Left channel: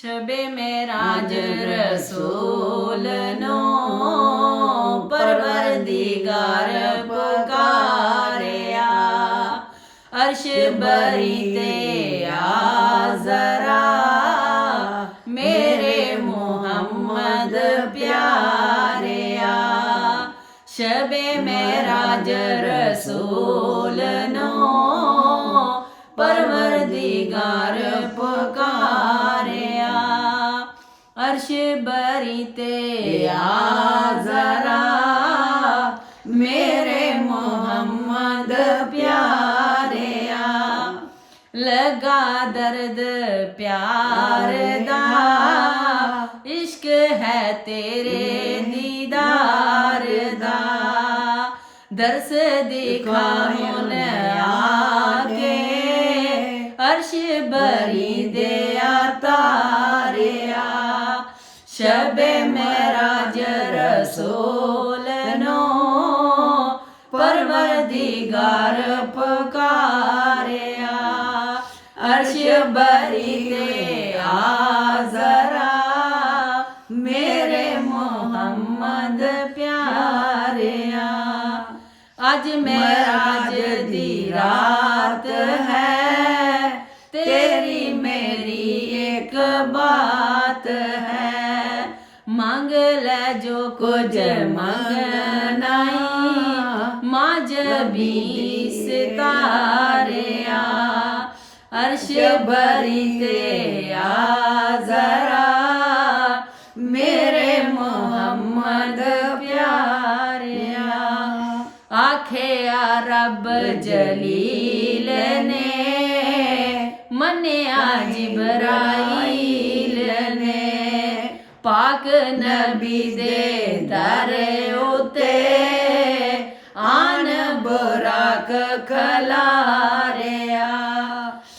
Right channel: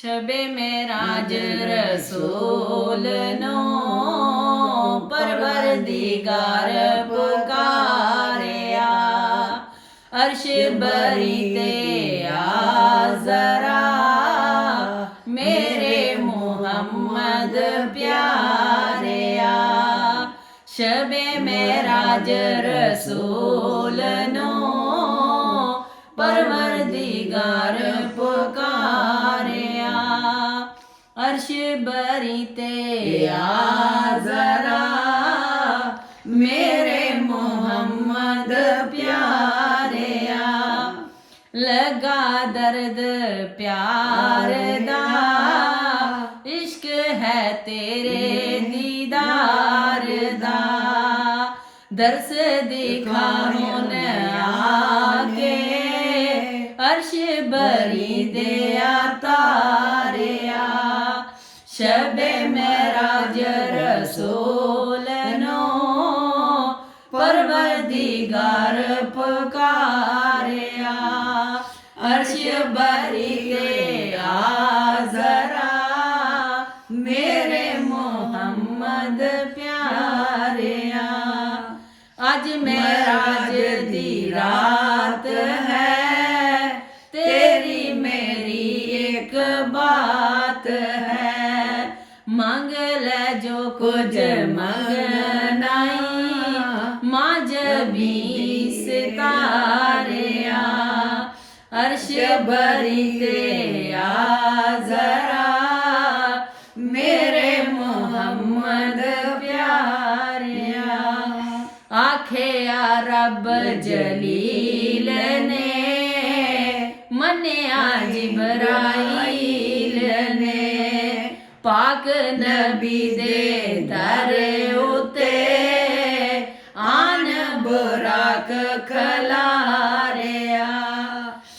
शबे मेराज रसूल नो परवरदिगार पुकारिया अर्श बरी ते आ जरा मेरे मोहम्मद प्यारिया शबे मेराज रसूल नो परवरदिगार पुकारिया अर्श बरी ते आ जरा मेरे मोहम्मद प्यारिया लगा दर्द प्यार दा इश्क है तेरे दीदार दा दर्स दिखा हुन आके अर्श बरी दे तारिया शबे मेराज रसूल नो परवरदिगार पुकारिया अर्श बरी दे आ जरा मेरे मोहम्मद प्यारिया आज मेराज दी रात है तेरी मेरी एक बात है मांग ले जो कुछ मंगनाई माँ जबी सितारिया अर्श बरी ते आ जरा मेरे मोहम्मद प्यारिया आखे या रब जलील ने मन्या जिब्राइल ने पाक नबी दे दर उते आन बुराक खलारिया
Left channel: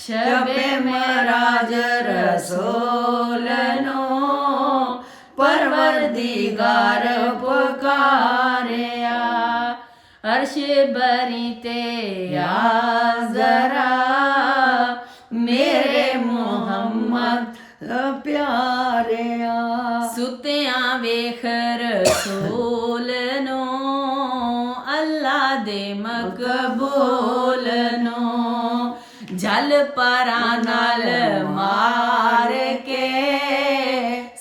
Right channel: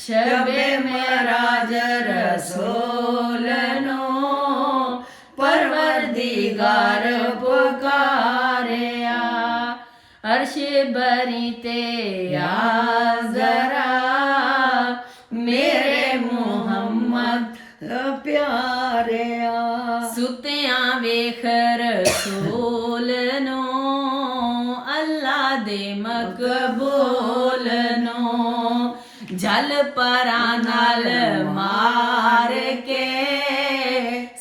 शबे मेराज रसूल नो परवरदिगार पुकारिया अर्श बरी ते आ जरा मेरे मोहम्मद प्यारिया सुत्या वेख रसूल नो अल्लाह दे मकबूल नो जल परा नाल मार के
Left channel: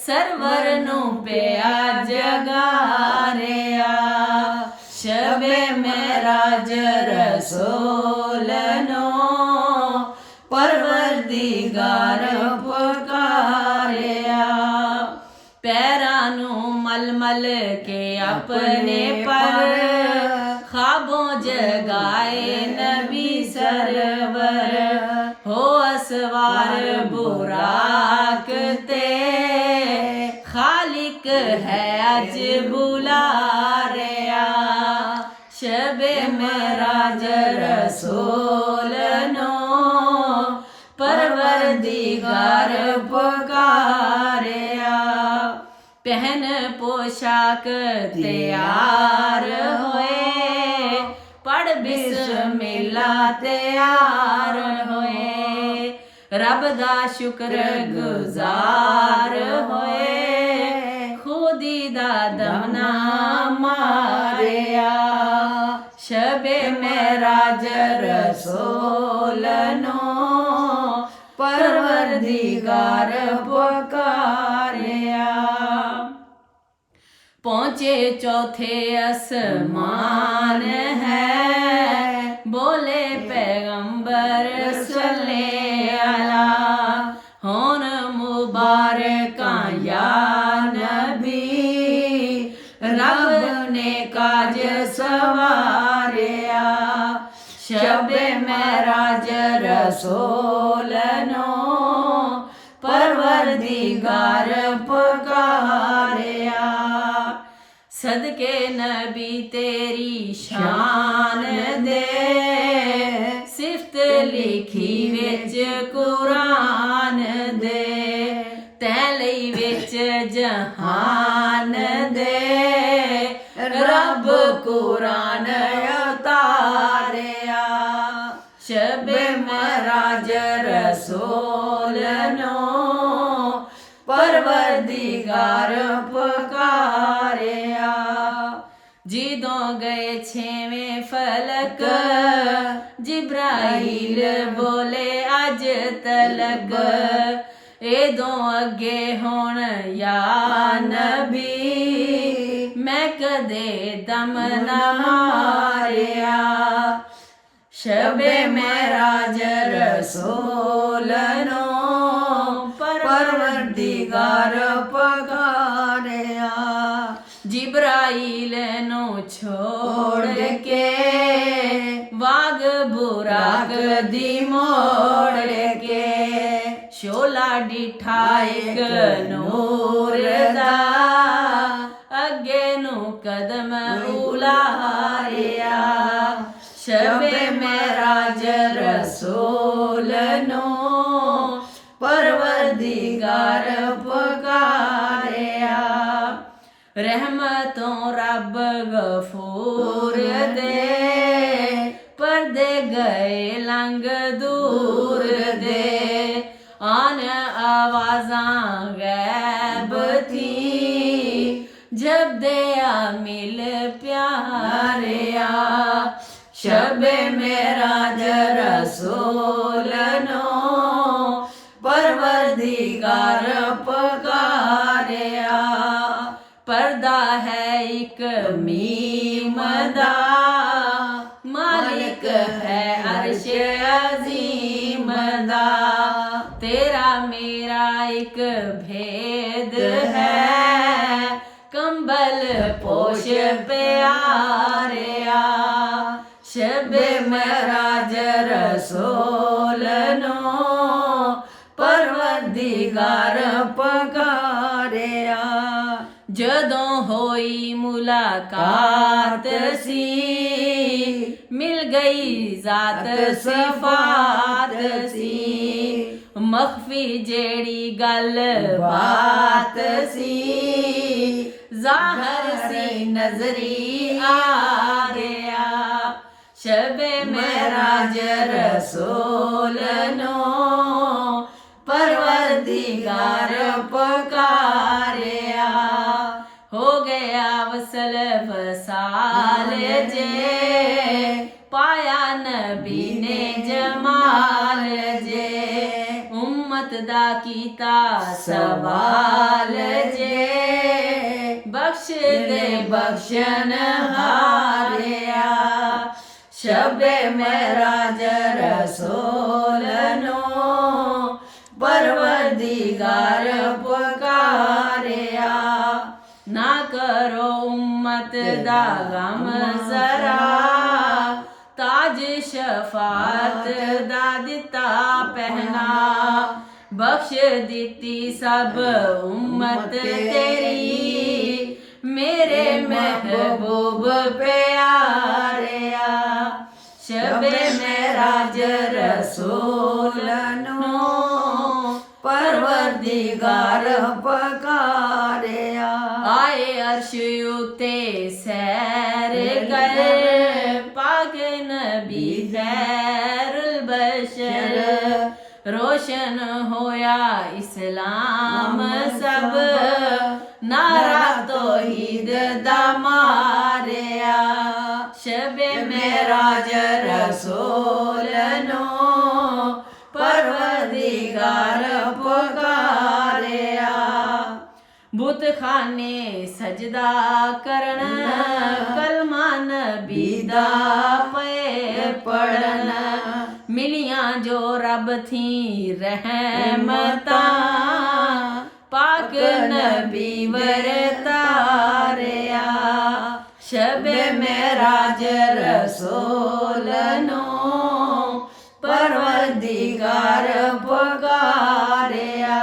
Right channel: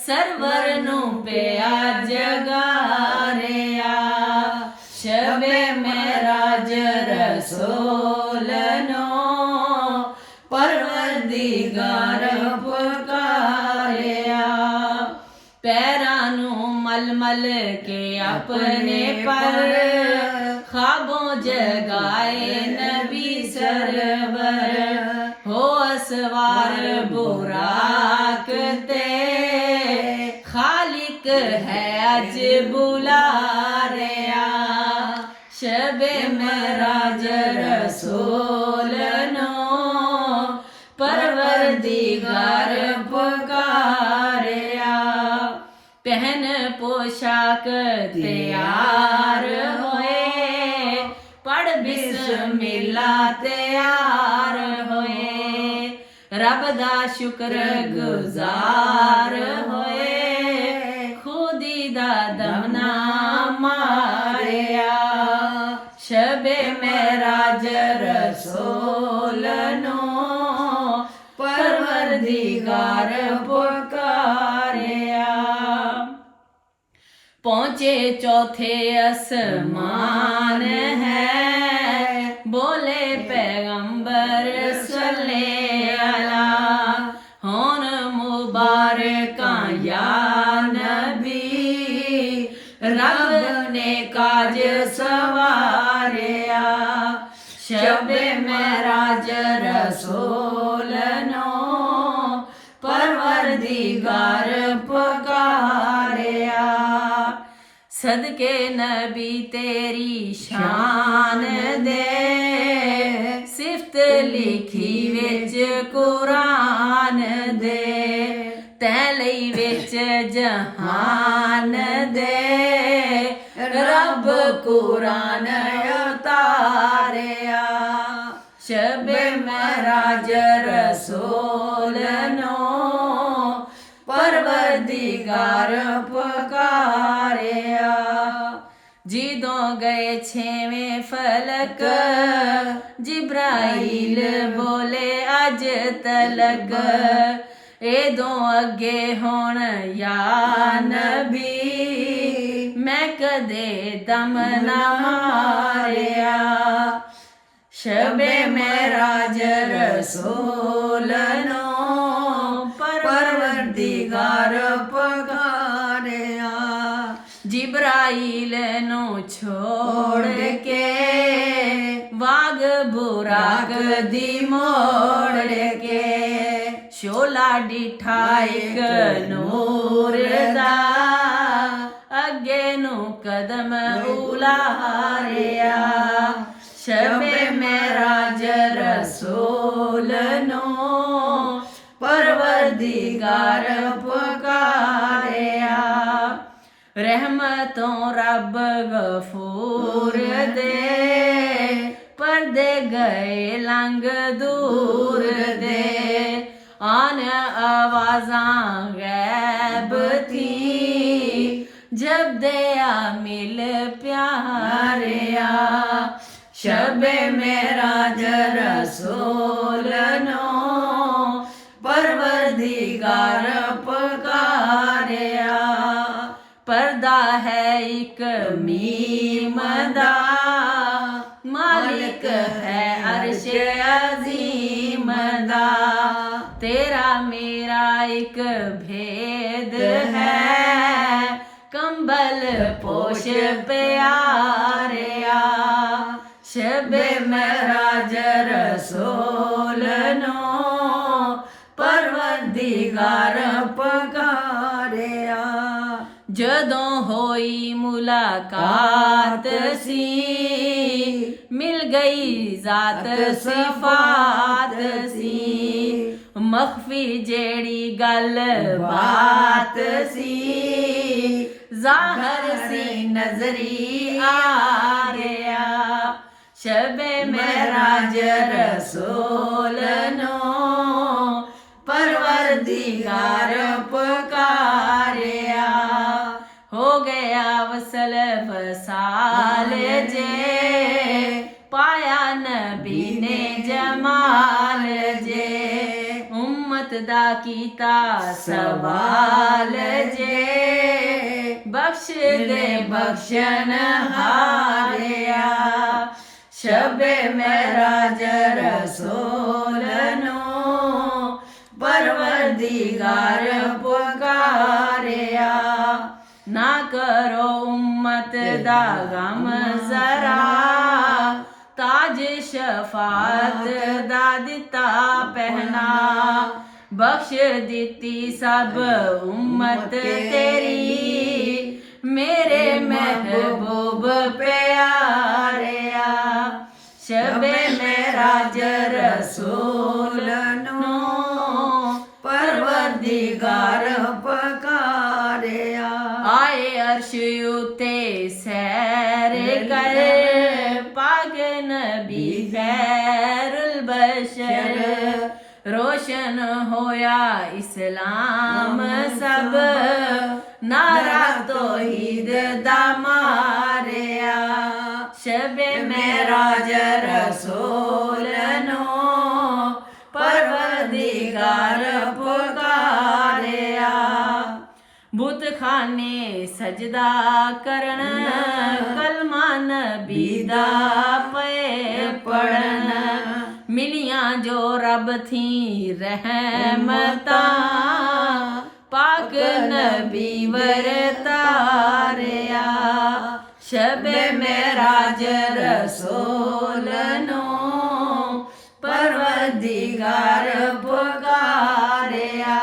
सरवर नु पिया जगारिया शबे मेराज रसूल नो परवरदिगार पुकारिया पैरां नू मल मल के अपने पर ख्वाबों जगाए नबी सरवर हो असवार बुराक ते खालिक है अज बुला रिया शबे मेराज रसूल नो परवरदिगार पुकारिया पहन पोशाक तैयार होए पढ़ बिस्मिल्लाह तैयार होए रब दा शुक्र गुजार होए खुदी दा दमना मारिया शबे मेराज रसूल नो परवरदिगार पुकारिया पहुँचे चौथे आसमान है बोले पैगंबर सल्ले अला होन मुबारका या नबी रब ने काज सवारिया शबे मेराज रसूल नो परवरदिगार पुकारिया सदके नबी तेरी शान दे सिफ्त लिखी विच कुरान दे तै लई विच जहान दे रब कुरान उतारिया शबे मेराज रसूल नो परवरदिगार पुकारिया। जिदों गए छेवें फलक जिब्राइल बोले अज तलक एदों अगे होण या नबी मैं कदे दम न मारिया। शबे मेराज रसूलनो परवरदिगार पुकारिया। जिब्राइल नु छोड़ के वाग बुराक दी मोड़ के शोला डिठा एक नूर दा अगे नु कदम उलारिया। शबे मेराज रसूल नो परवरदिगार पुकारिया। रहमतों रब गफूर दे पर्दे गए लंग दूर दे आन आवाज़ां गैब थी जब दया मिल प्यारिया। शबे मेराज रसूल नो परवरदिगार पुकारिया। पर्दा है एक मीम दा मालिक है अर्श अजीम दा तेरा मेरा एक भेद है कंबल पोश प्यारिया। शबे मेराज रसूल नो परवरदिगार पुकारिया। जदों होई मुलाकात सी मिल गई जात सिफात सी मख्फी जेड़ी गल बात सी जाहर सी नजरी आ रिया। शबे मेराज रसूल नो परवरदिगार पुकारिया। हो गया वसल वसाल जे पाया नबी ने जमाल जे उम्मत दा कीता सवाल जे बख्श दे बख्शन हारिया। शबे मेराज रसूल नो परवरदिगार पुकारिया। ना करो उम्मत दा गम जरा ताज शफात दा दिता पहना बख्श दिती सब उम्मत तेरी मेरे महबूब प्यारिया। शबे मेराज रसूल नो परवरदिगार पुकारिया। आए अर्श उते सैर कर पाक नबी खैरुल बशर रोशन होया इस्लाम सब नारा तौहीद दा मारिया। शबे मेराज रसूल नो परवरदिगार पुकारिया। बुत खाने सजदा करन कलमा नबी दा पे पढ़न मिलियां जो रब थी रहमतां पाक नबी वरतारिया। शबे मेराज रसूल नो परवरदिगार पुकारिया।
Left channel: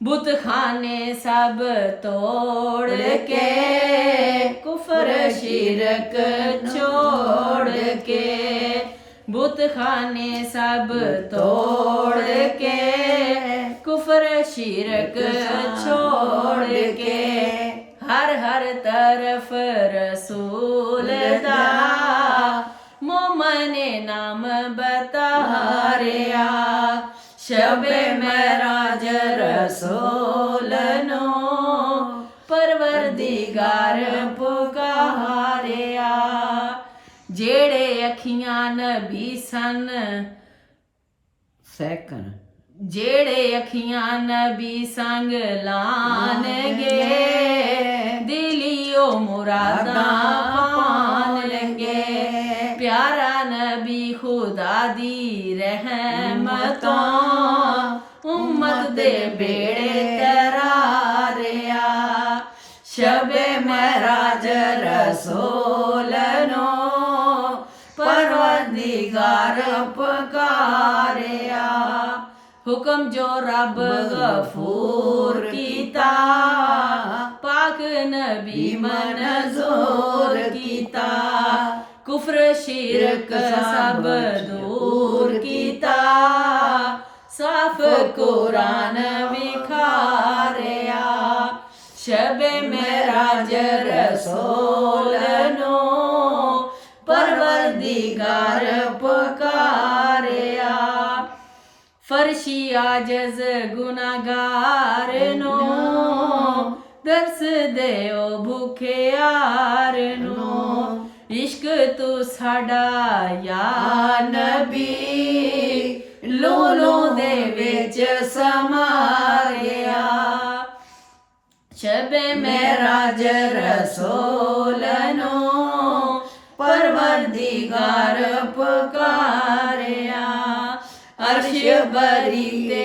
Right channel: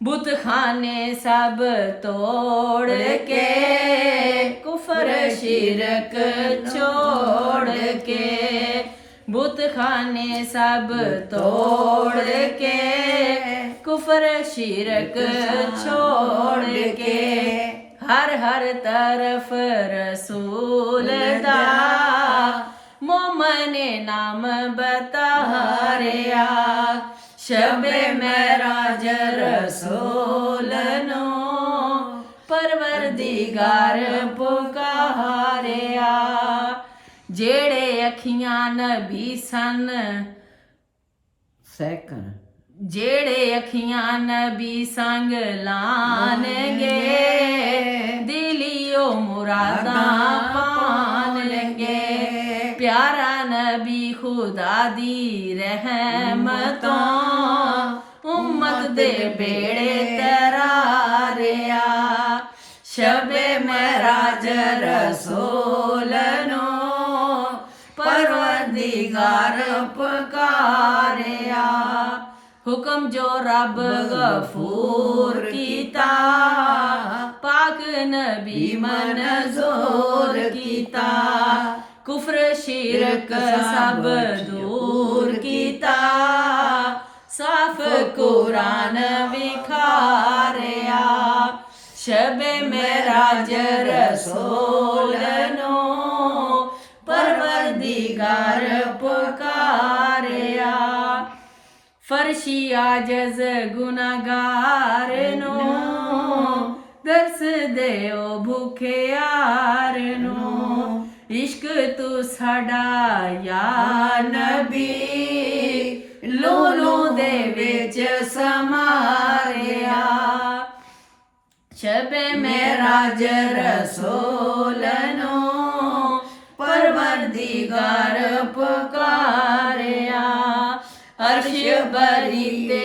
बुत खाने सब तोड़ के कुफर शिरक छोड़ के बुत खाने सब तोड़ के कुफर शिरक छोड़ के हर हर तरफ रसूल दा मोमन नाम बता रिया। शबे मेराज रसूल परवरदिगार पुकारिया जेड़े अखियां नबी सन सैकन जेड़े अखियां नबी संग लानगे दिलियो मुरादां पानगे प्यारा नबी खुदा दी रहमतां उम्मत दे बेड़े तरारिया शबे महराज रसूल नो परवरदिगार पुकारिया हुक्म जो रब गफूर कीता पाक नबी मंजूर कीता कुफ्र शिरक सब दूर कीता साफ कुरान विखारिया शबे महराज रसूल नो परवरदिगार पुकारिया फर्शी आजज गुनागार नो दर्स देओ भूखे यार नो इश्क तू साडा या नबी लोलो दे विच समारिया शबे महराज रसूल नो परवरदिगार पुकारिया अर्श बरी ते